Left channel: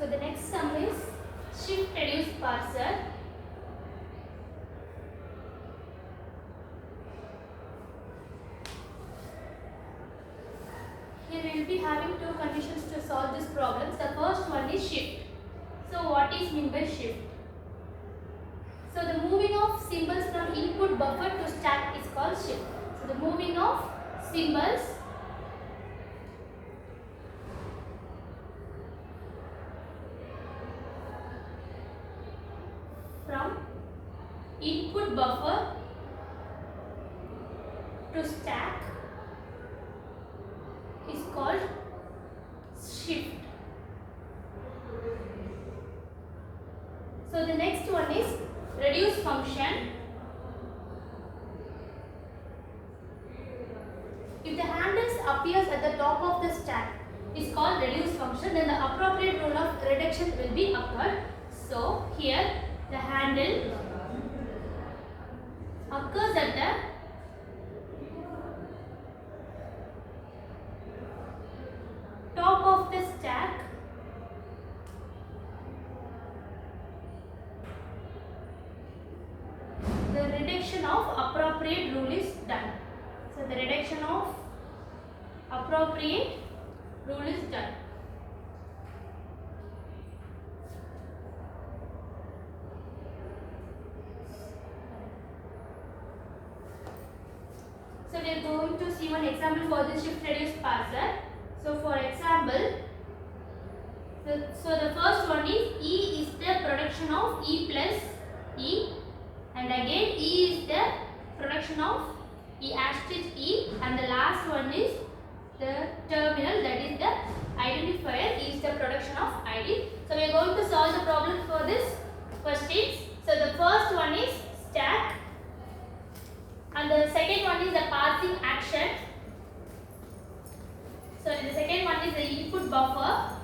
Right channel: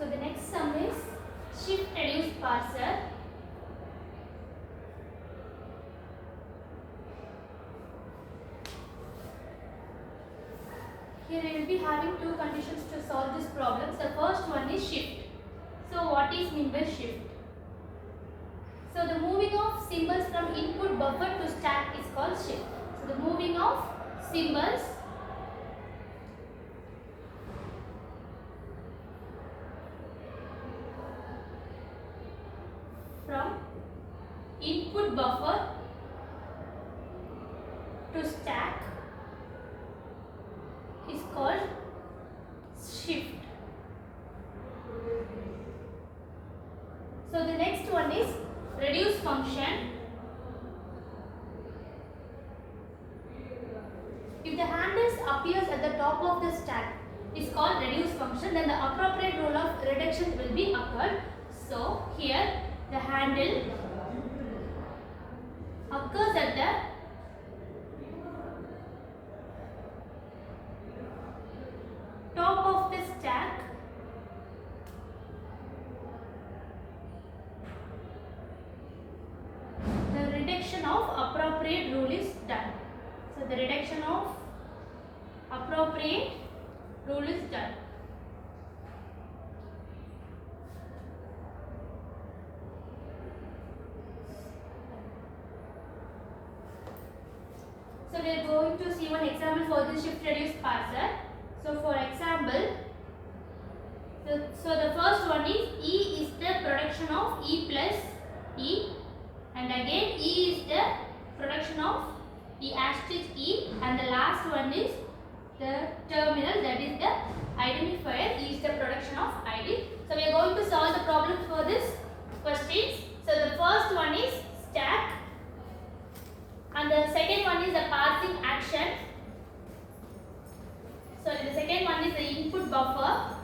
So the next sum is shift reduce parser. Here we will be having two conditions to solve this problem. The first one is shift. So what is meant by shift? So the moving of symbols from input buffer to stack is called shift. So the moving of symbols from input buffer to stack is called shift. So the next one is reduce function. If the handles appears at the top of the stack is called reduce function, then the appropriate rule of reduction will be occurred. So here the handle occurs at the top of the stack. The reduction of appropriate rule is done. So the reduction of appropriate rule is done. So we are going to see one example for this shift reduce parser. So for example, so the first one is E is the production of E plus E, and again E is the production of E asterisk E, and the last one is the terminal, that is the identifier. E is the production of ID. So we are going to solve the problem for this questions. So the first one is stack, and the second one is the parsing action. So the second one is the input buffer.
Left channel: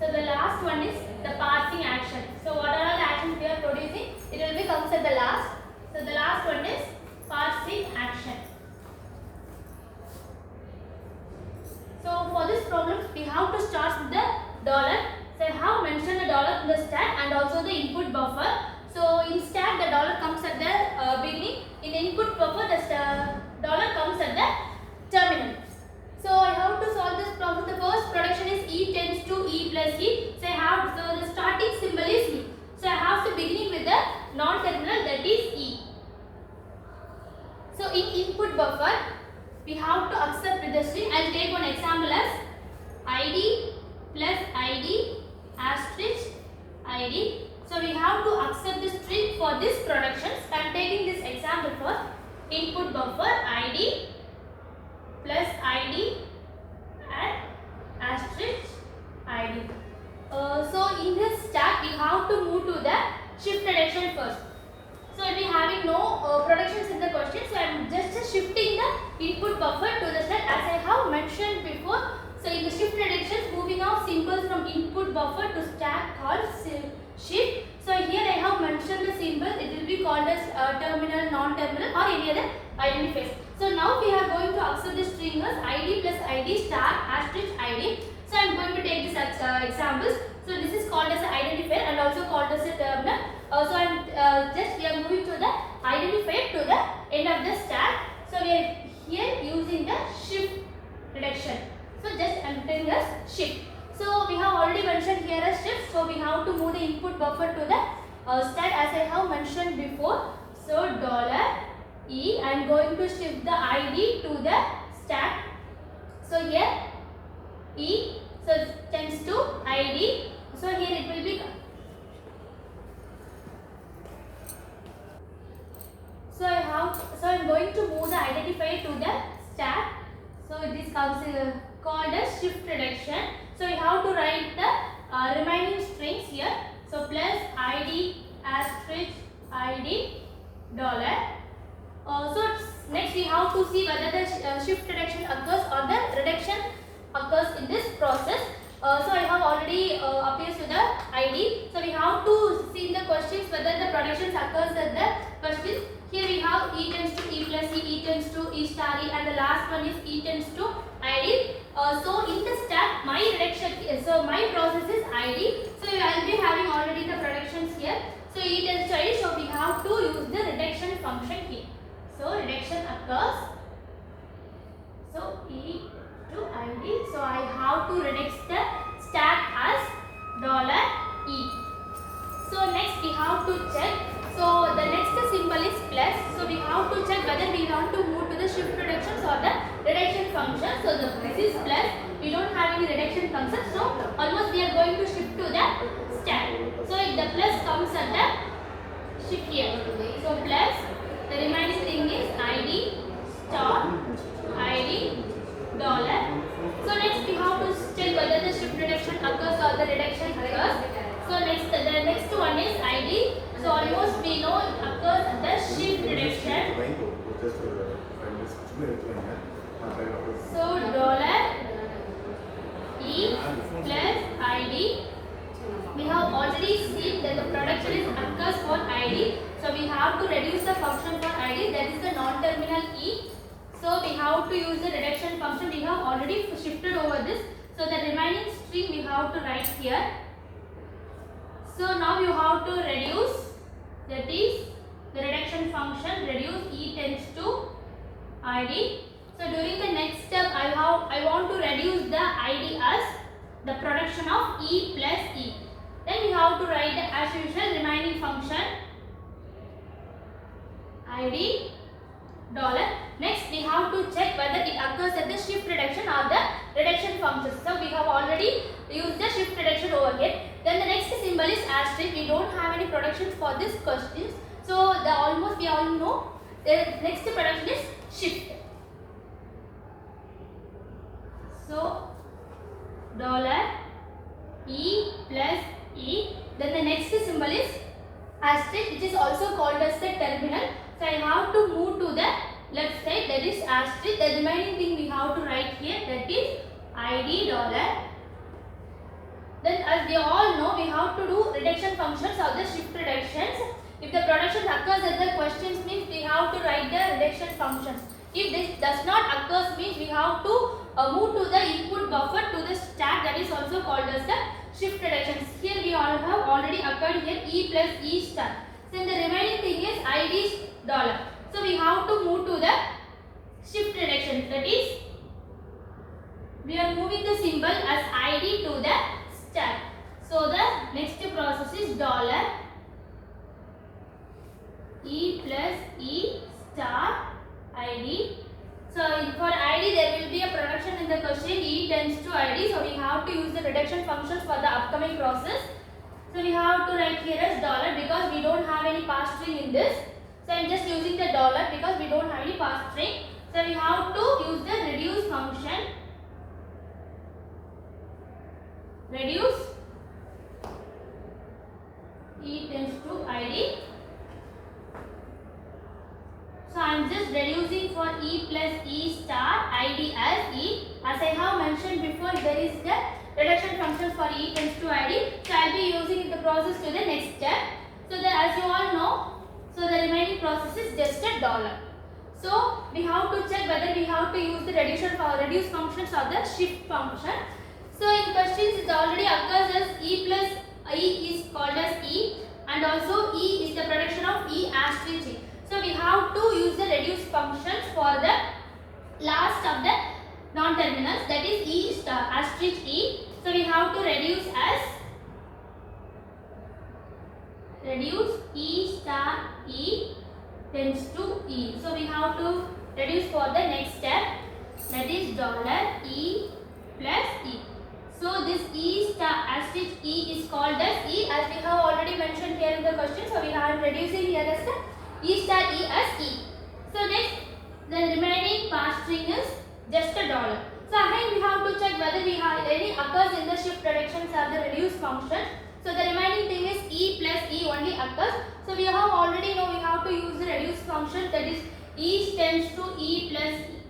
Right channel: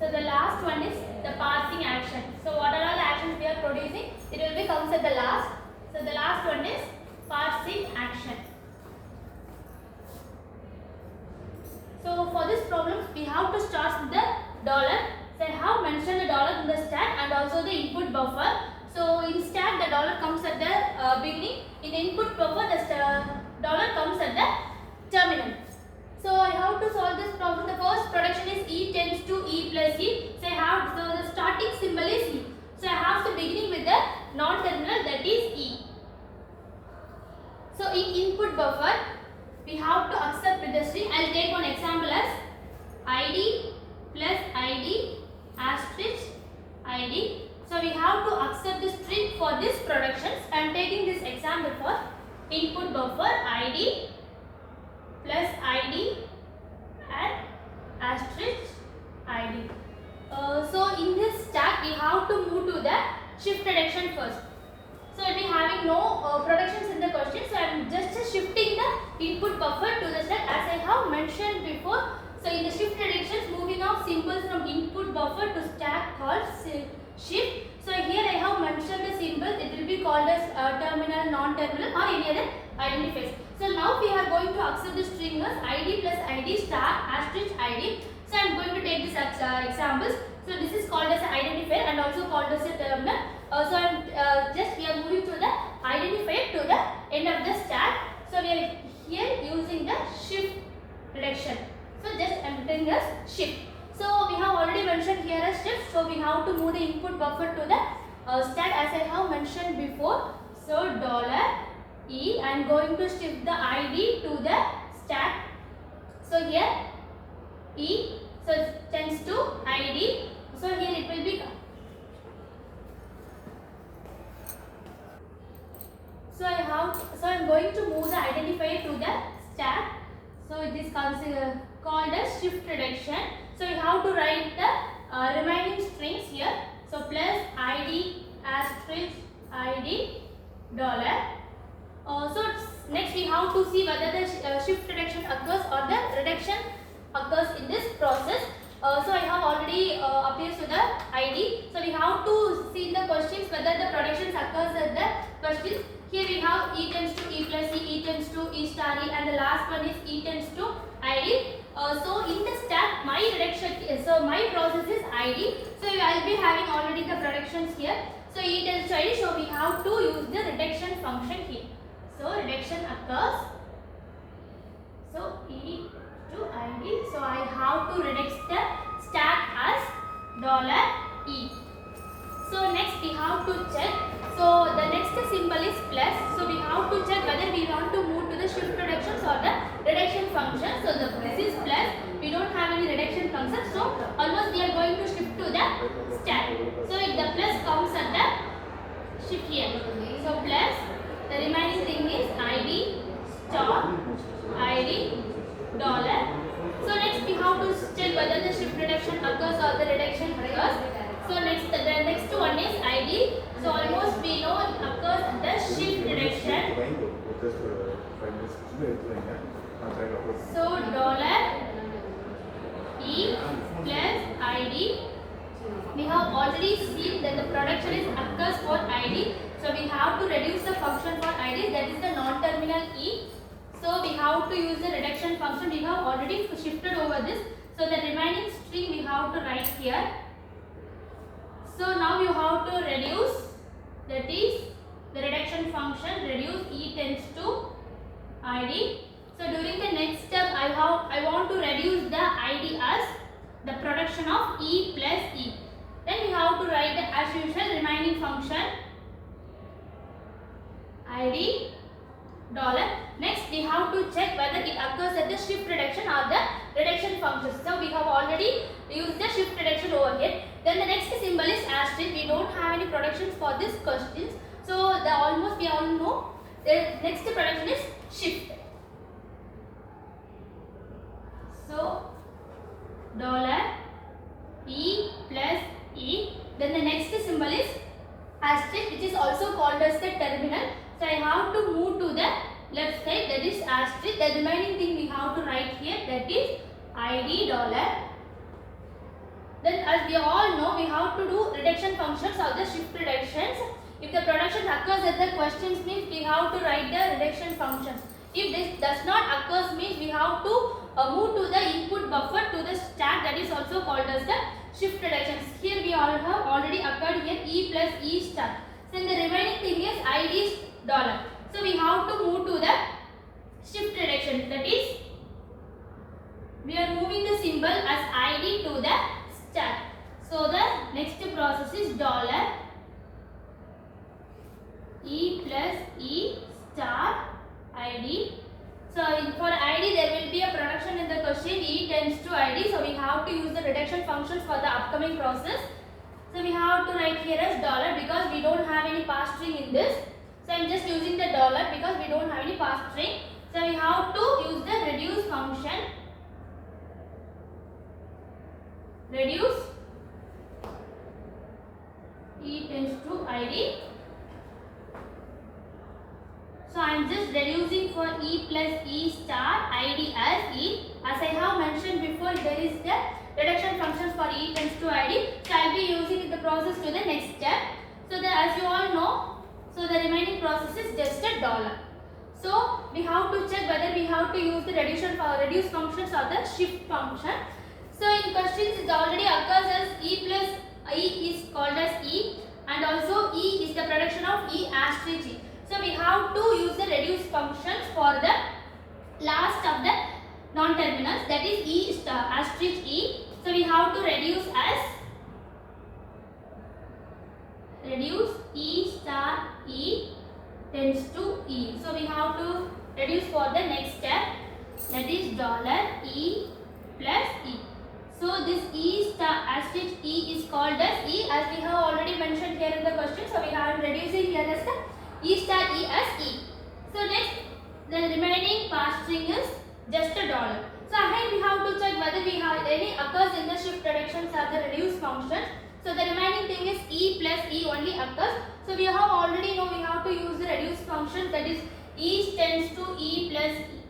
So the last one is the parsing action. So what are all the actions we are producing? It will be comes at the last. So the last one is parsing action. So for this problem we have to start with the dollar. So I have mentioned the dollar in the stack and also the input buffer. So in stack the dollar comes at the beginning. In the input buffer the dollar comes at the terminal. So I have to solve this problem. The first production is E tends to E plus E. So I have the starting symbol is E. So I have to beginning with the non-terminal, that is E. So in input buffer we have to accept with the string. I will take one example as ID plus ID asterisk ID. So we have to accept the string for this production. I am taking this example for input buffer ID plus ID and asterisk ID. So in this stack we have to move to the shift reduction first. So we will be having no productions in the question. So I am just shifting the input buffer to the stack as I have mentioned before. So in the shift reduction, moving of symbols from input buffer to stack called shift. So here I have mentioned the symbol. It will be called as terminal, non-terminal or any other identifiers. So now we are going to accept the string as ID plus ID star asterisk ID. So I am going to take this examples. So this is called as an identifier and also called as a terminal. So we are moving to the identifier to the end of the stack. So we are here using the shift reduction. So just I am telling as shift. So we have already mentioned here as shift. So we have to move the input buffer to the stack as I have mentioned before. So $E, I am going to shift the ID to the stack. So here E, so tends to ID. So here it will be. So I am going to move the identifier to the stack. So it is called as shift reduction. So we have to write the remaining strings here. So plus ID asterisk ID dollar. So next we have to see whether the shift reduction occurs or the reduction occurs in this process. So I have already appears to the ID. So we have to see in the questions whether the productions occurs at the questions. Here we have E tends to E plus E, E tends to E star E, and the last one is E tends to ID. So in the step, my reduction, so my process is ID. So I will be having already the productions here. So E tends to ID. So we have to use the reduction function here. So reduction occurs. So E to ID. So I have to reduce the stack as $E. So next we have to check. So the next symbol is plus. So we have to check whether we want to move to the shift reductions or the reduction function. So this is plus. We don't have any reduction function. So almost we are going to shift to the stack. So if the plus comes at the shift here. So plus. The remaining thing is ID star ID dollar. So next we have to check whether the shift reduction occurs or the reduction occurs. So next the next one is ID. So almost we know it occurs at the shift reduction. So $E plus ID. We have already seen that the production is occurs for ID. So we have to reduce the function for ID, that is the non-terminal E. So we have to use the reduction function. We have already shifted over this. So the remaining string we have to write here. So now you have to reduce, that is the reduction function, reduce E tends to ID. So during the next step I want to reduce the ID as the production of E plus E. Then we have to write the as usual remaining function ID dollar. Next we have to check whether it occurs at the shift reduction or the reduction function. So we have already used the shift reduction over here. Then the next symbol is asterisk. We don't have any productions for this questions. So the almost we all know the next production is shift. So $E plus E. Then the next symbol is asterisk, which is also called as the terminal. So I have to move to the left side, that is asterisk. The remaining thing we have to write here, that is ID dollar. Then as we all know, we have to do reduction functions of the shift reductions. If the production occurs at the questions means we have to write the reduction functions. If this does not occurs means we have to move to the input buffer to the stack, that is also called as the shift reductions. Here we all have already occurred here E plus E star. Then the remaining thing is ID dollar. So we have to move to the shift reduction, that is we are moving the symbol as ID to the stack. So the next process is $E plus E star ID. So for ID there will be a production in the question, E tends to ID. So we have to use the reduction functions for the upcoming process. So we have to write here as dollar because we don't have any pass string in this. So I am just using the dollar because we don't have any pass string. So we have to use the reduce function. Reduce E tends to ID. So I am just reducing for E plus E star ID as E. As I have mentioned before, there is the reduction functions for E tends to ID. So I will be using the process to the next step. So as you all know, so the remaining process is just a dollar. So we have to check whether we have to use the reduce functions or the shift function. So in questions it already occurs as E plus E is called as E, and also E is the production of E asterisk E. So we have to use the reduce functions for the last of the non-terminals, that is E star asterisk E. So we have to reduce as reduce E star E tends to E. So we have to reduce for the next step, that is $E plus E. So this E star asterisk E is called as E, as we have already mentioned here in the question. So we are reducing here as the E star E as E. So next the remaining pass string is just a dollar. So again we have to check whether we have any occurs in the shift reductions or the reduce function. So the remaining thing is E plus E only occurs. So we have already know we have to use the reduce function, that is E tends to E plus E.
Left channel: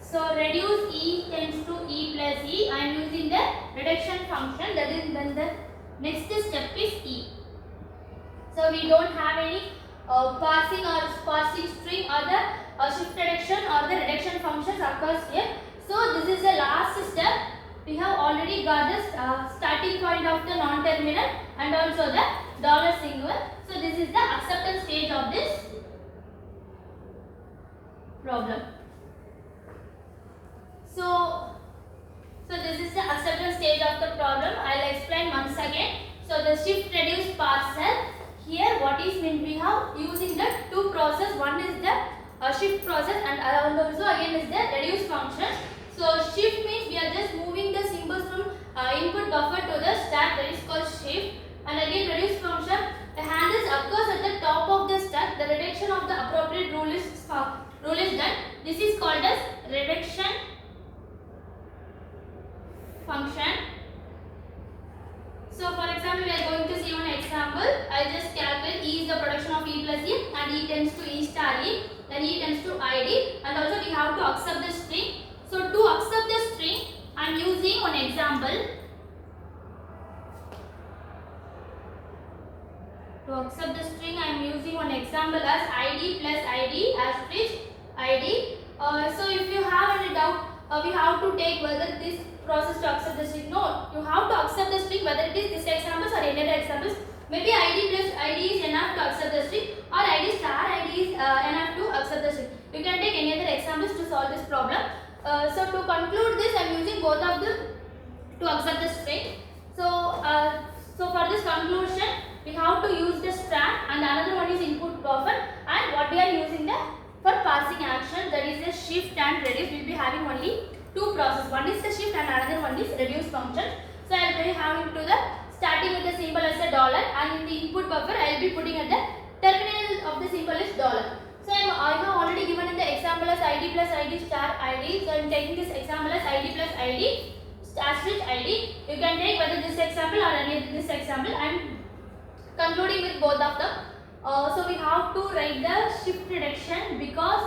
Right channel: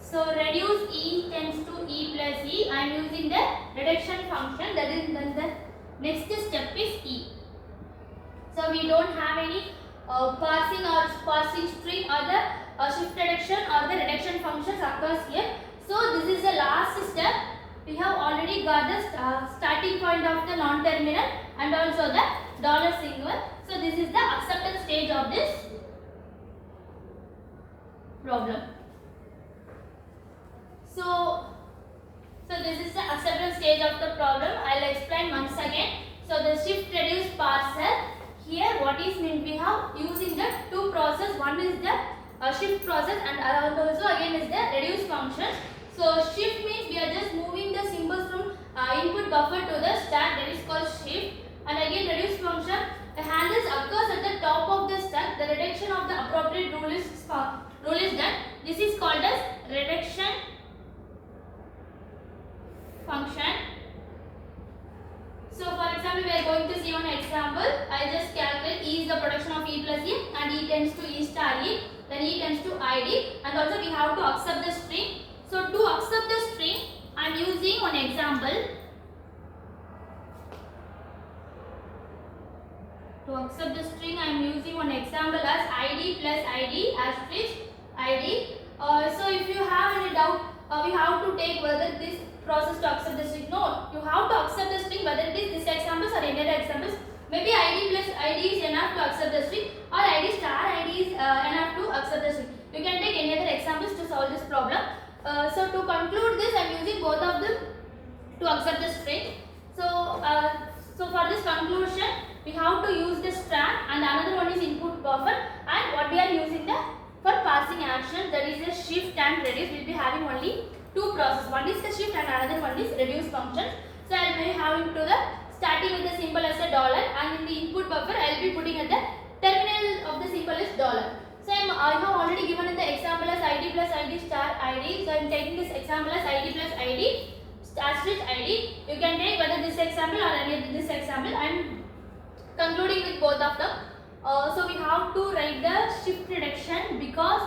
So reduce E tends to E plus E. I am using the reduction function, that is then the next step is E. So we don't have any parsing or parsing string or the shift reduction or the reduction functions occurs here. So this is the last step. We have already got the starting point of the non-terminal and also the dollar symbol. So this is the acceptance stage of this problem. So this is the acceptance stage of the problem. I'll explain once again. So the shift reduce parser. Here what is meant, we have using the two process. One is the shift process and also again is the reduce function. So shift means we are just moving the symbols from input buffer to the stack, that is called shift. And again reduce function, the handles occurs at the top of the stack. The reduction of the appropriate rule is done. This is called as reduction function. So for example, we are going to see one example. I just calculate E is the production of E plus E and E tends to E star E, then E tends to ID, and also we have to accept the string. So to accept the string, I am using one example. To accept the string, I am using one example as ID plus ID asterisk ID. So if you have any doubt, we have to take whether this process to accept the string. No, you have to accept the string whether it is this examples or any other examples. Maybe ID plus ID is enough to accept the string, or ID star ID is enough to accept the string. You can take any other examples to solve this problem. So to conclude this, I am using both of them to accept the string. So for this conclusion, we have to use the stack and another one is input buffer, and what we are using the for parsing action, that is the shift and reduce. We will be having only two processes. One is the shift and another one is reduce function. So I will be having to the starting with the symbol as a dollar, and in the input buffer I will be putting at the terminal of the symbol is dollar. So I have already given in the example as ID plus ID star ID. So I am taking this example as ID plus ID asterisk ID. You can take whether this example or any this example. I am concluding with both of them. So we have to write the shift reduction because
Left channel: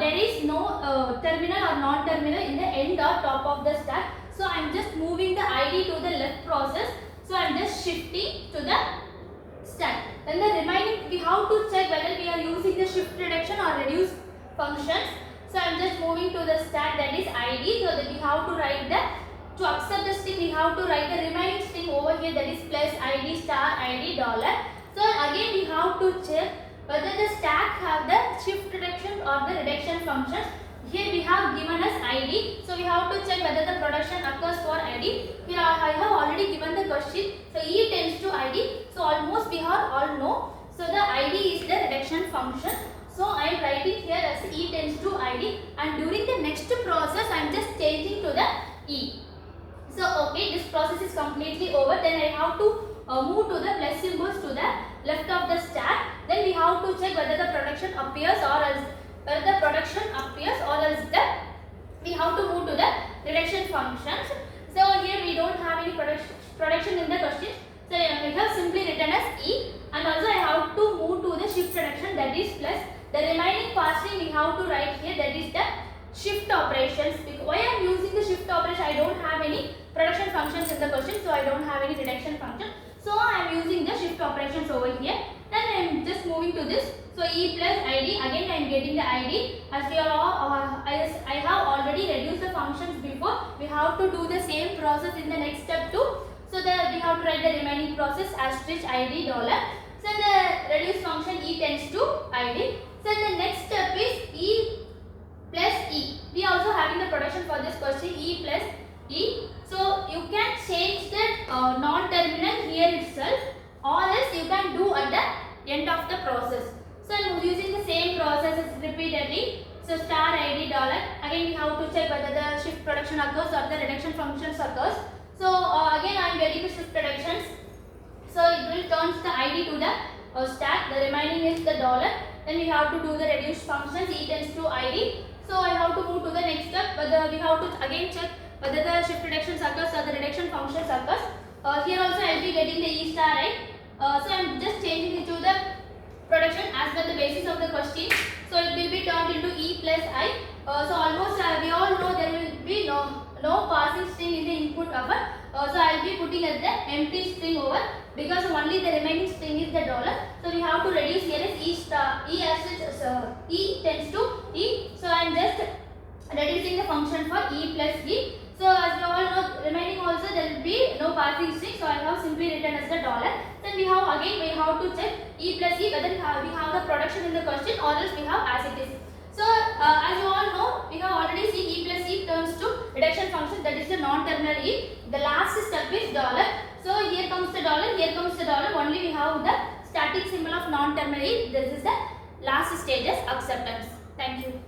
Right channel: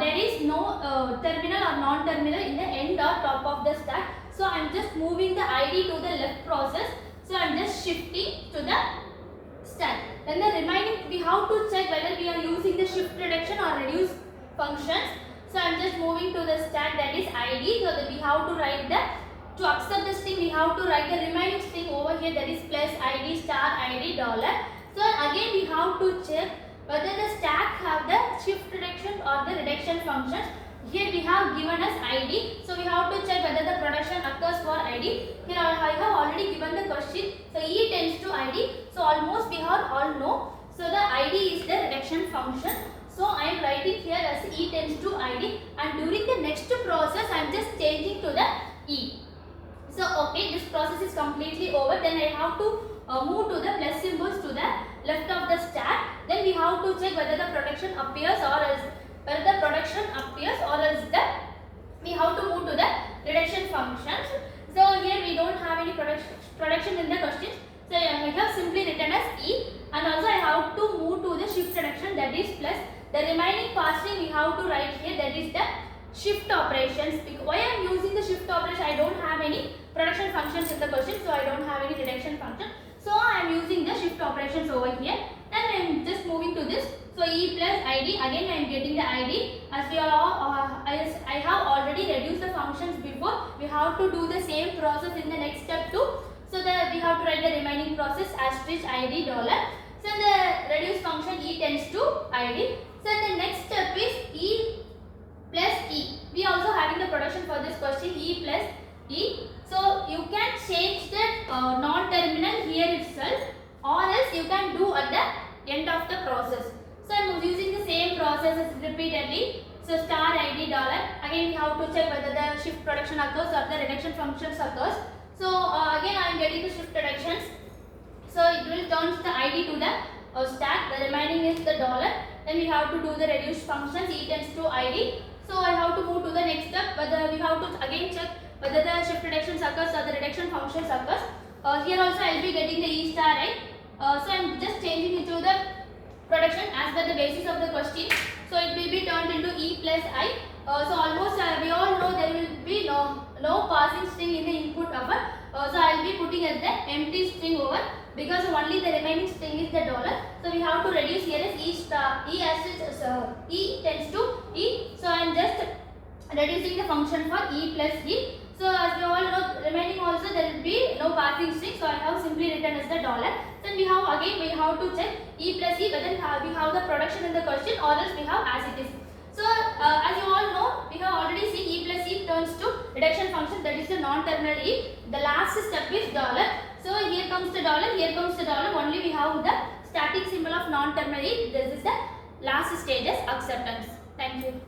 there is no terminal or non-terminal in the end or top of the stack. So I am just moving the ID to the left process. So I am just shifting to the stack. Then the remaining, we have to check whether we are using the shift reduction or reduce functions. So I am just moving to the stack, that is ID. So that we have to write the, to accept the string, we have to write the remaining string over here, that is plus ID star ID dollar. So again we have to check whether the stack have the shift reduction or the reduction functions. Here we have given us ID, so we have to check whether the production occurs for ID. Here I have already given the question. So E tends to ID. So almost we have all know. So the ID is the reduction function. So I am writing here as E tends to ID, and during the next process I am just changing to the E. So okay, this process is completely over. Then I have to move to the plus symbols to the left of the stack. Then we have to check whether the production appears or else we have to move to the reduction functions. So here we don't have any production in the question. So we have simply written as E, and also I have to move to the shift reduction, that is plus. The remaining parsing we have to write here, that is the shift operations. Why I am using the shift operation? I don't have any production functions in the question, so I don't have any reduction function. So I am using the shift operations over here. Then I am just moving to this. So E plus ID, again I am getting the ID. As we are as I have already reduced the functions before, we have to do the same process in the next step too. So that we have to write the remaining process asterisk ID dollar. So the reduce function E tends to ID. So the next step is E plus E. We are also having the production for this question, E plus E. So you can change the non-terminal here itself, or else you can do at the end of the process. So I am using the same process repeatedly. So star ID dollar. Again we have to check whether the shift production occurs or the reduction functions occurs. So again I am getting the shift reductions. So it will turn the ID to the stack. The remaining is the dollar. Then we have to do the reduce functions. E tends to ID. So I have to move to the next step. Whether we have to again check whether the shift reductions occurs or the reduction functions occurs. Here also I will be getting the E star I. So I am just changing it to the production as per the basis of the question. So it will be turned into E plus I. So almost we all know there will be no parsing string in the input buffer. So I will be putting as the empty string over because only the remaining string is the dollar. So we have to reduce here as E star, E as E tends to E. So I am just reducing the function for E plus E. So as we all know, remaining also there will be no parsing string. So I have simply written as the dollar. Then we have to check E plus E whether we have the production in the question or else we have as it is. So as you all know, we have already seen E plus E turns to reduction function, that is the non-terminal E. The last step is dollar. So here comes the dollar, here comes the dollar. Only we have the static symbol of non-terminal E. This is the last stage as acceptance. Thank you.